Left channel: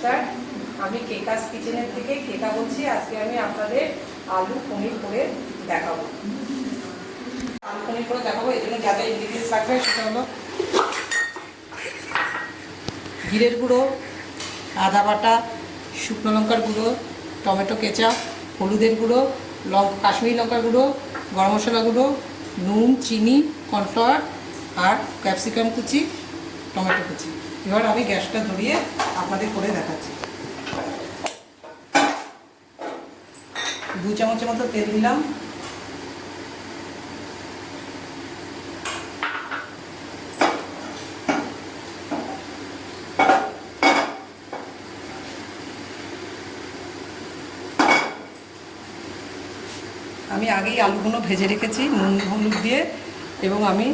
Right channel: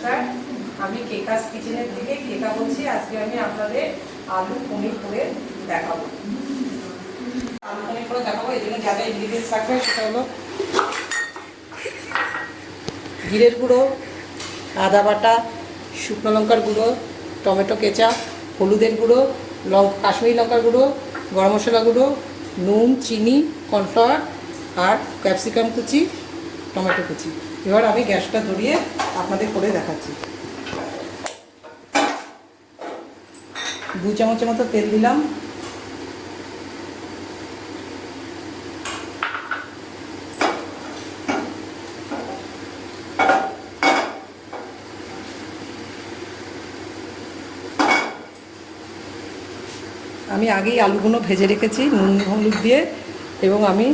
নমস্কার। আমি কেকাস কিচেনের থেকে কেকা বলছি। আজকে আমি আপনাদের আলু পনির করে দেখাবো। আলু পনির করে দেখাবো। এই জন্য যা ইনগ্রিডিয়েন্টস থাকবে সেটা হলো জিরের গুঁড়ো, আদা বাটা, শুকনো লঙ্কার গুঁড়ো, টমেটো কেঁচা হলুদের গুঁড়ো, লঙ্কা, কাশ্মীরি লঙ্কার গুঁড়ো, গরম মশলা গুঁড়ো, নুন, চিনি, কর্নফ্লাওয়ার আর ক্যাপসিকাম কুচি, টমেটো কুচি। এবার আমি গ্যাসটা ধরিয়ে আপনাদের করে দেখাচ্ছি। দু চামচের মতো তেল দিলাম। আমি আগেই আলুগুলো ভেজে রেখেছি নুন, হলুদ দিয়ে, এবং আমি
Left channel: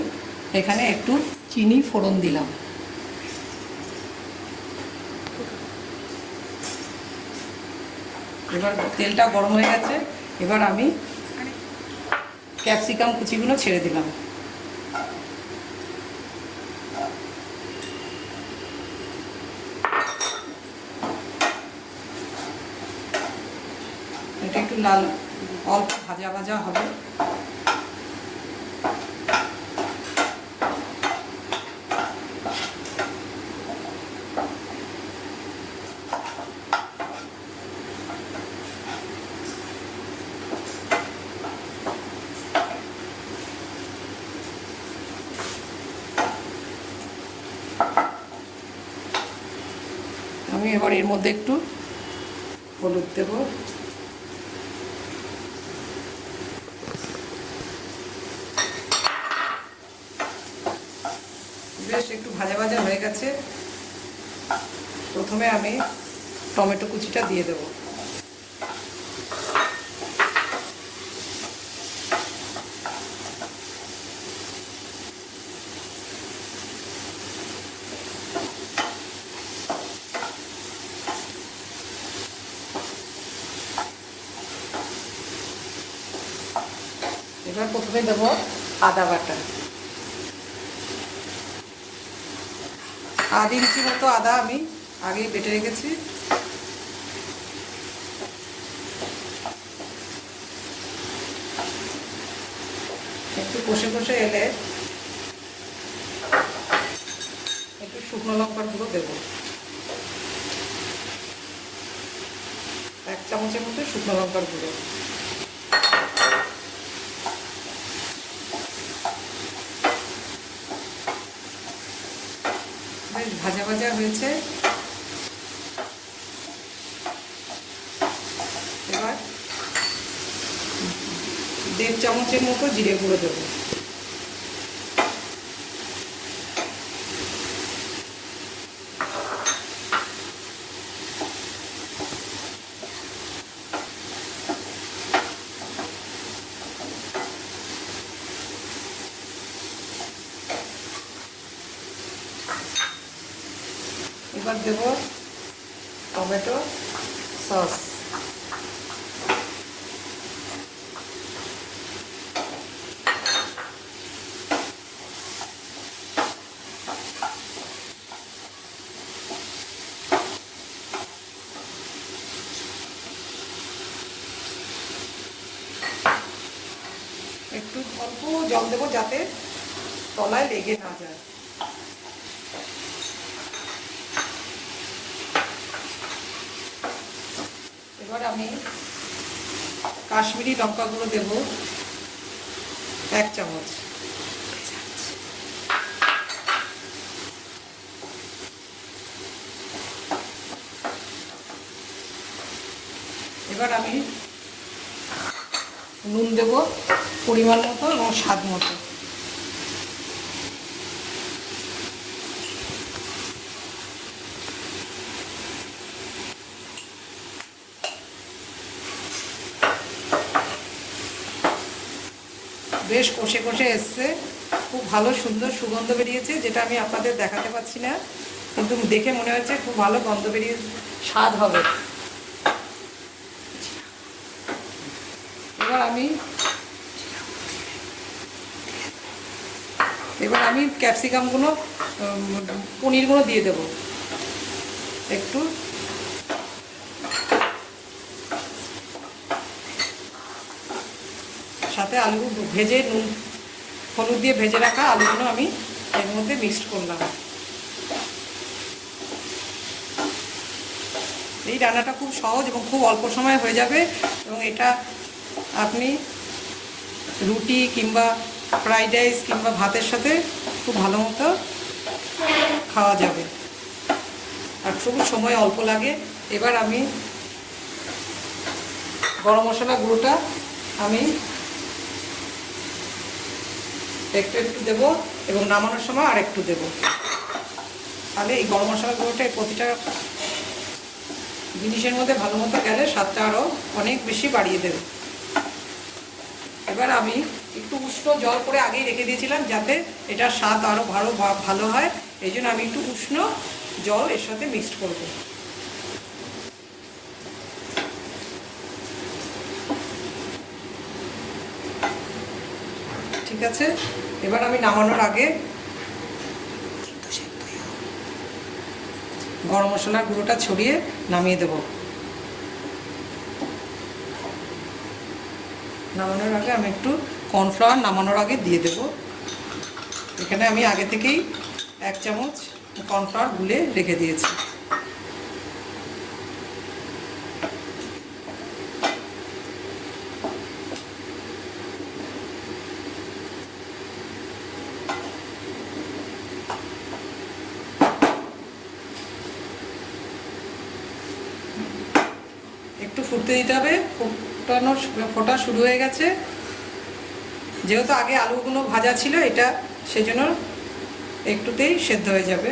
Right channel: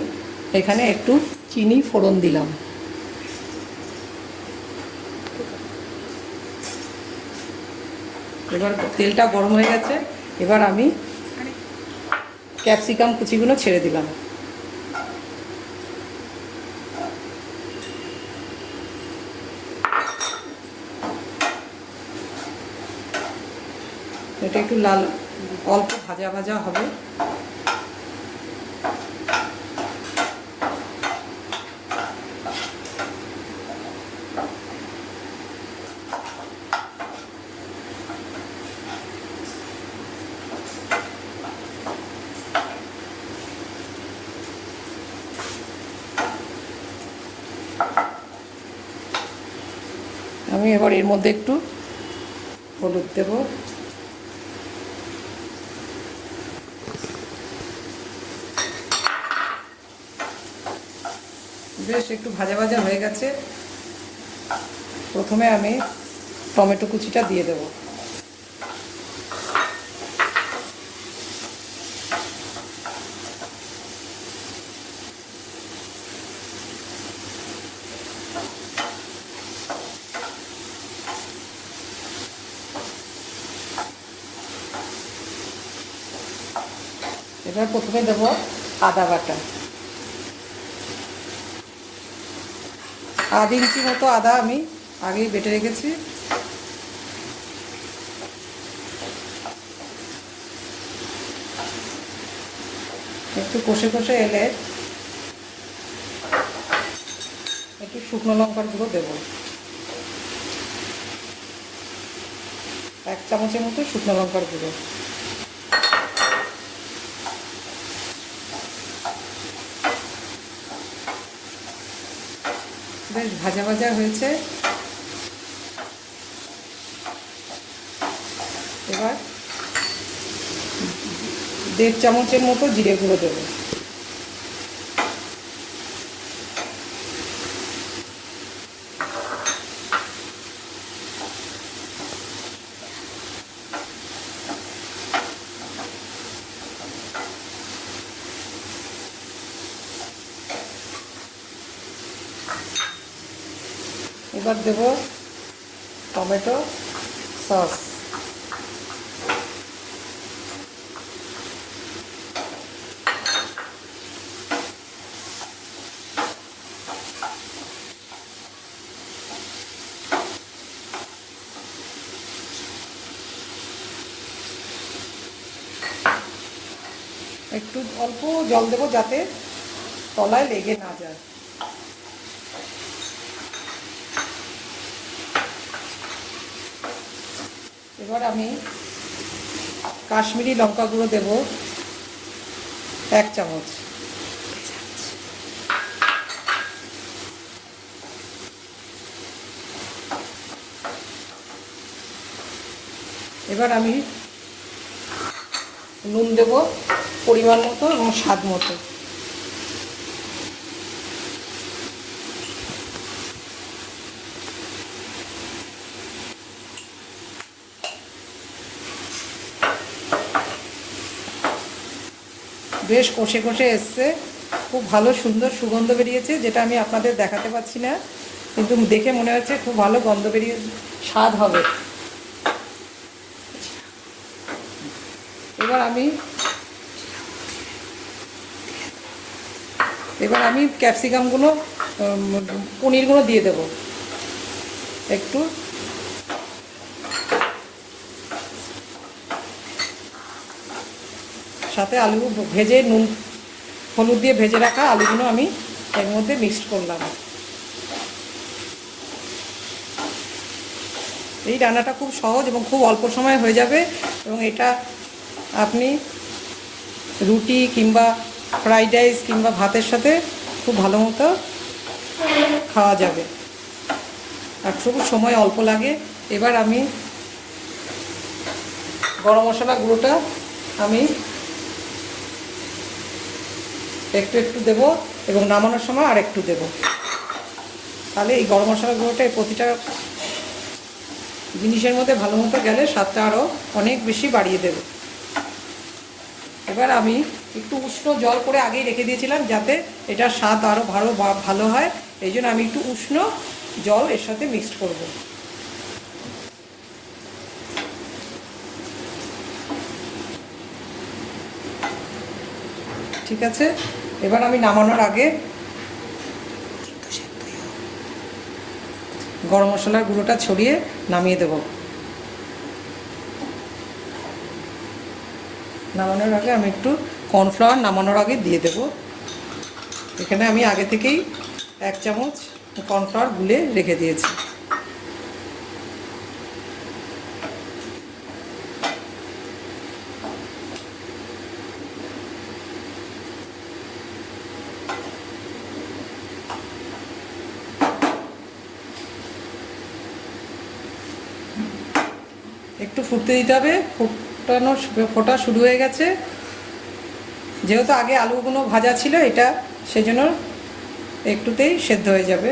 এখানে একটু চিনি ফোড়ন দিলাম। এবার তেলটা গরম হয়ে গেছে, এবার আমি ক্যাপসিকাম কুচিগুলো ছেড়ে দিলাম। এটা একটু লাল, অল্প ভাজা ভাজা হবে। আমি এবার এর মধ্যে একটু হলুদ দেব। বেশ, একটু ভাজা ভাজা হয়ে গেছে। প্রথমে আমি টমেটো কুচিটা দিয়ে দেব। এবার প্রথমে দেব আদা বাটা। আধ ইঞ্চি মতো আদা আমি আগেই বেটে রেখেছি। একটু কষে কষে এলে একটু শুকনো লঙ্কার গুঁড়ো দেবো। এক চামচের মতো শুকনো লঙ্কার গুঁড়ো। ভাজা ভাজা হয়েছে। এবার দেড় চামচের মতো জিরে গুঁড়ো দেবো। এবার দেব টমেটো সস। একটু অল্প জল দেবো যাতে তলায় লেগে না যায়। এবার আমি কাশ্মীরি লঙ্কা গুঁড়ো দেব এক চামচ। এবার আমি নুন দেব পরিমাণ মতো এবং স্বাদ মতো। বেশ কষে কষে এসছে। খুব ভালো, সুন্দর সুগন্ধ বেরিয়েছে, যেটা আমি আপনাদের দেখাতে পাচ্ছি না। কিন্তু দেখে মনে হচ্ছে খুব ভালো গন্ধ বেরিয়ে স্বাদ হবে। এবার আমি এবার আমি ক্যাপসিকামগুলো পনিরগুলো দিয়ে দেবো। একটু। সাথে আলু ভেজে নুন, হলুদ দিয়ে ভেজে রাখা আলুগুলো আমি এর মধ্যে মিক্সড করলাম। এই রান্নাটা খুব সহজ এবং খুব অল্প সময়ে হয়ে যাবে এবং এটা আপনি রুটি কিংবা ফ্রাইড রাইস কিংবা ভাতের সাথে খুব ভালো মতো খাওয়া যাবে। আর খুব সময় অল্প লাগে। এবার আমি গরম মশলা গুঁড়োটা আমি একটু একটু দেব এবং নামানোর সময় আর একটু দেব। তাহলে এই গরম মশলা গুঁড়োটা প্রতিটা জিনিসের মধ্যে ভালো মতো গেলে স্বাদটা আরও অনেক বেশি বাড়িয়ে দেবে। এবার আমি একটু উষ্ণ জল করে আগেই রেখে দিয়েছিলাম যাতে এটার স্বাদ আরও ভালো ভালো হয়। এই জন্য আমি একটু উষ্ণ জল এর সাথে মিক্সড করব। ঠিক আছে? এবার আমি নামানোর আগে গরম মশলার গুঁড়োটা ছড়িয়ে নামিয়ে দেব। নামানোর আগে আমি একটু কর্নফ্লাওয়ার নামানোর আগে দিয়ে দেব। এখানে আমি আগে থেকেই এক চামচ কর্নফ্লাওয়ার গুলে রেখে দিয়েছি একটু ফুটতে দিতে হবে। ফুটানো ফোটা শুরু হয়ে গেছে। যেহেতু আগে আলুগুলো ভাজা ছিল, এটা সেজন্য একটুতেই সেদ্ধ হয়ে যাবে।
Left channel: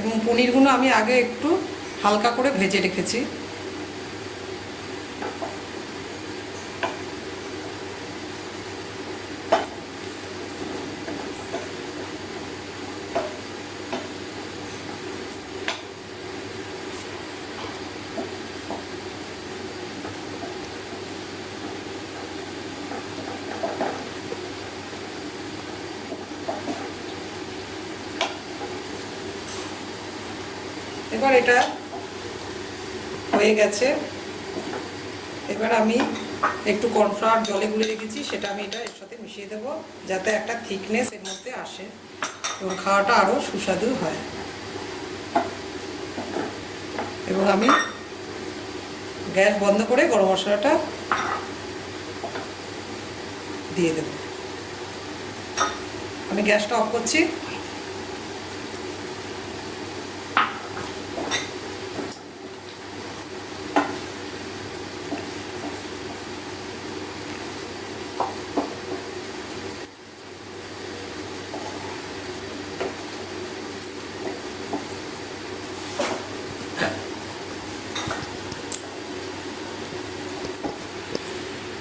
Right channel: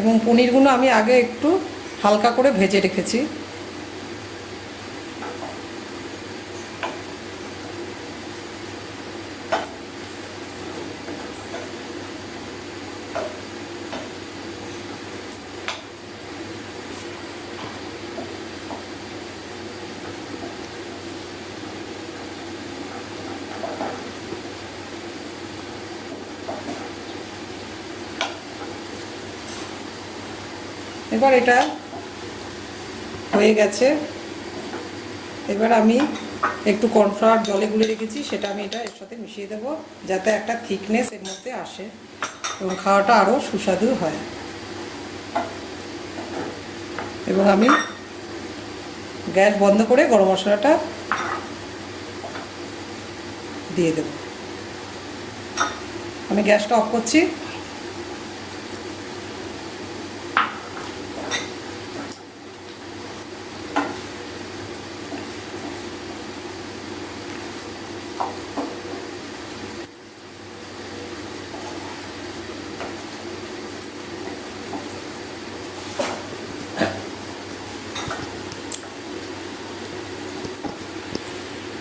এবং পনিরগুলো আমি আগে একটু হালকা করে ভেজে রেখেছি। এবার এটা হয়ে গেছে। এবার আমি একটু কর্নফ্লাওয়ার জলে গুলে রেখেছি, সেটা আমি এটা এর সাথে মিশিয়ে দেব, যাতে একটা থিকনেস এর মধ্যে আসে এবং খাওয়াটা আরও সুস্বাদু হয়। এবং আমি গ্যাস বন্ধ করে গরম মশলাটা দিয়ে দেব। আমি গ্যাসটা অফ করছি।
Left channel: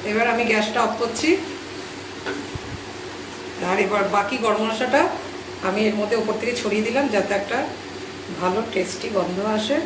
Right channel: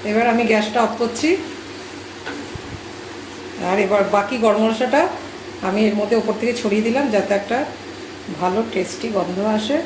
এবার আমি গ্যাসটা অফ করছি। আর এবার বাকি গরম মশলাটা আমি এর মধ্যে ওপর থেকে ছড়িয়ে দিলাম যাতে একটা ভালো টেস্টি গন্ধ আসে।